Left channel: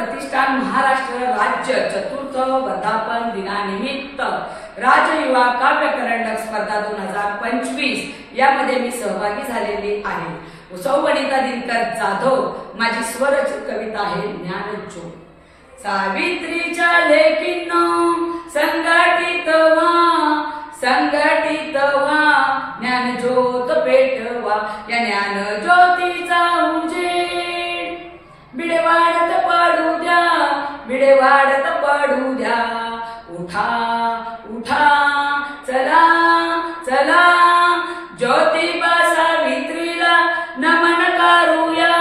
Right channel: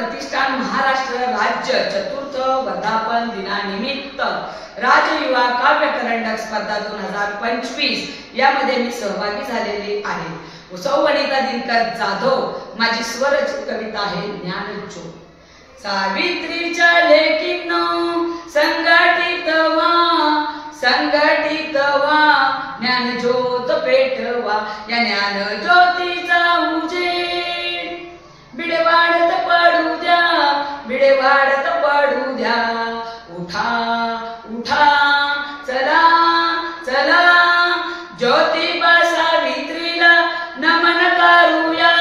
प्रतिष्ठान महाराष्ट्र राज्य चतुर्थ वर्धापन दिनानिमित्त राजयुवा काव्य करंडक स्पर्धा 2025 यामध्ये मी सहभागी झालेली आहे। सौ वनिता दिनकर जाधव माझी स्वरचित कविता आहे ज्ञानज्योत। सावित्रीच्या लेकींनो संघटित व्हा ज्ञानज्योत पेटवा या ज्ञानज्योतीचा उजेड बिडे वाढत पडू द्या उठा उठा चला चला ज्योतिबा सावित्रीला नमन करूया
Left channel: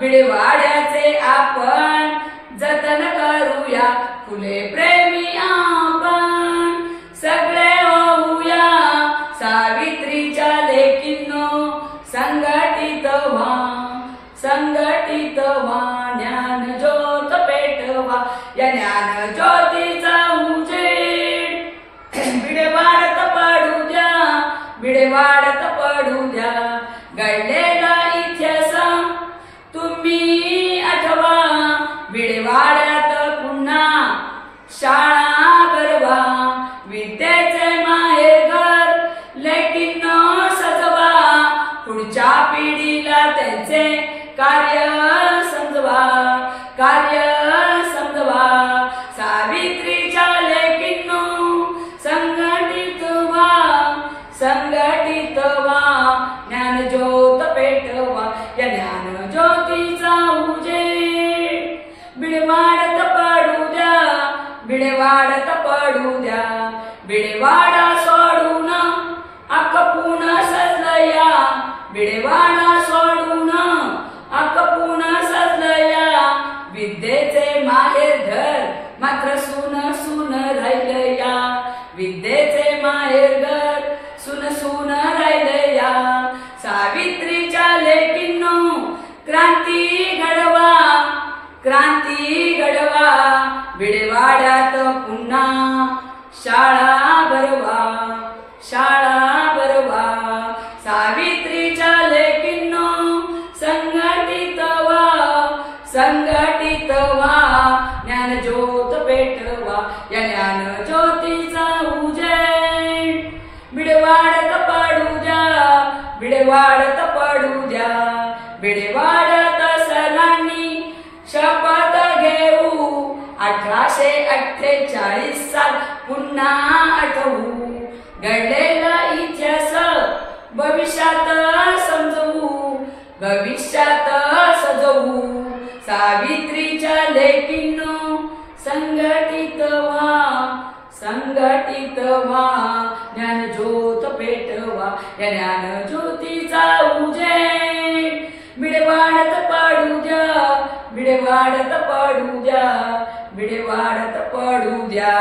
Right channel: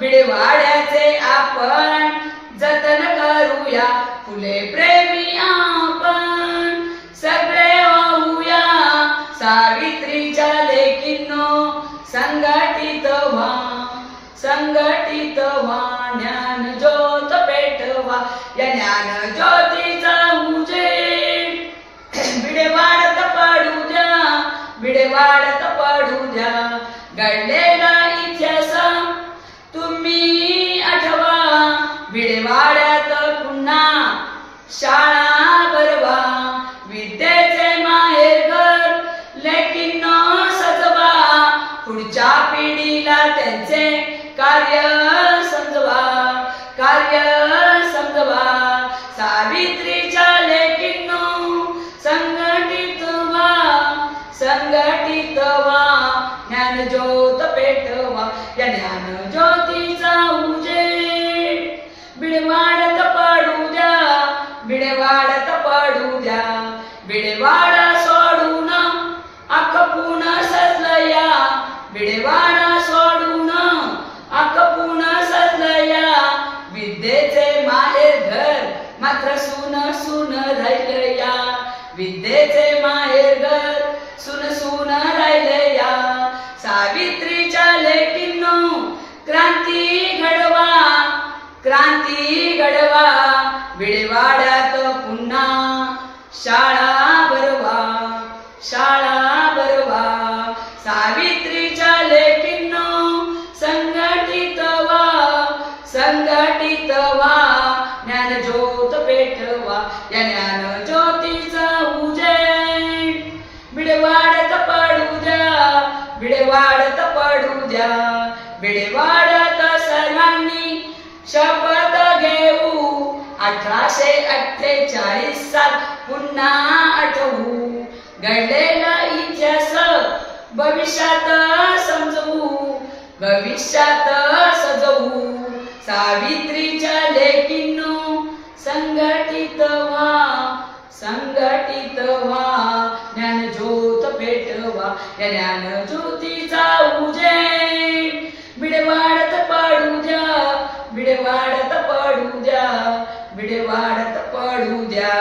बिडेवाड्याचे आपण जतन करूया फुले प्रेमी आपण सगळे होऊया सावित्रीच्या लेकींनो संघटित व्हा ज्ञानज्योत पेटवा या ज्ञानज्योतीचा उजेड बिडे वाढत पडू द्या घडलेला इतिहास तुम्ही आठवा बिडेवाड्यात पुन्हा शाळा भरवा विद्येचे माहेरघर लेकींनो सजवा पुढच्या पिढीला त्यांचे कार्य समजवा सावित्रीच्या लेकींनो संघटित व्हा ज्ञानज्योत पेटवा या ज्ञानज्योतीचा उजेड बिडे वाढत पडू द्या बिडेवाडा सोडून अखपून सजलया बिडेवाडा सोडून अखपून सजलया विद्येचे माहेर घर मात्र सून राहिलया विद्येचे माहेर घर सून राहिलया सावित्रीच्या लेकींनो क्रांती घडवा बिडेवाड्यात पुन्हा शाळा भरवा सावित्रीच्या लेकींनो संघटित व्हा ज्ञानज्योत पेटवा या ज्ञानज्योतीचा उजेड बिडे वाढत पडू द्या बिडेवाड्यात सर्वांनी शपथ घेऊ 1848 साल पुन्हा आठवू घडलेला इतिहास भविष्यात सजवू सावित्रीच्या लेकींनो संघटित व्हा ज्ञानज्योत पेटवा या ज्ञानज्योतीचा उजेड बिडे वाढत पडू द्या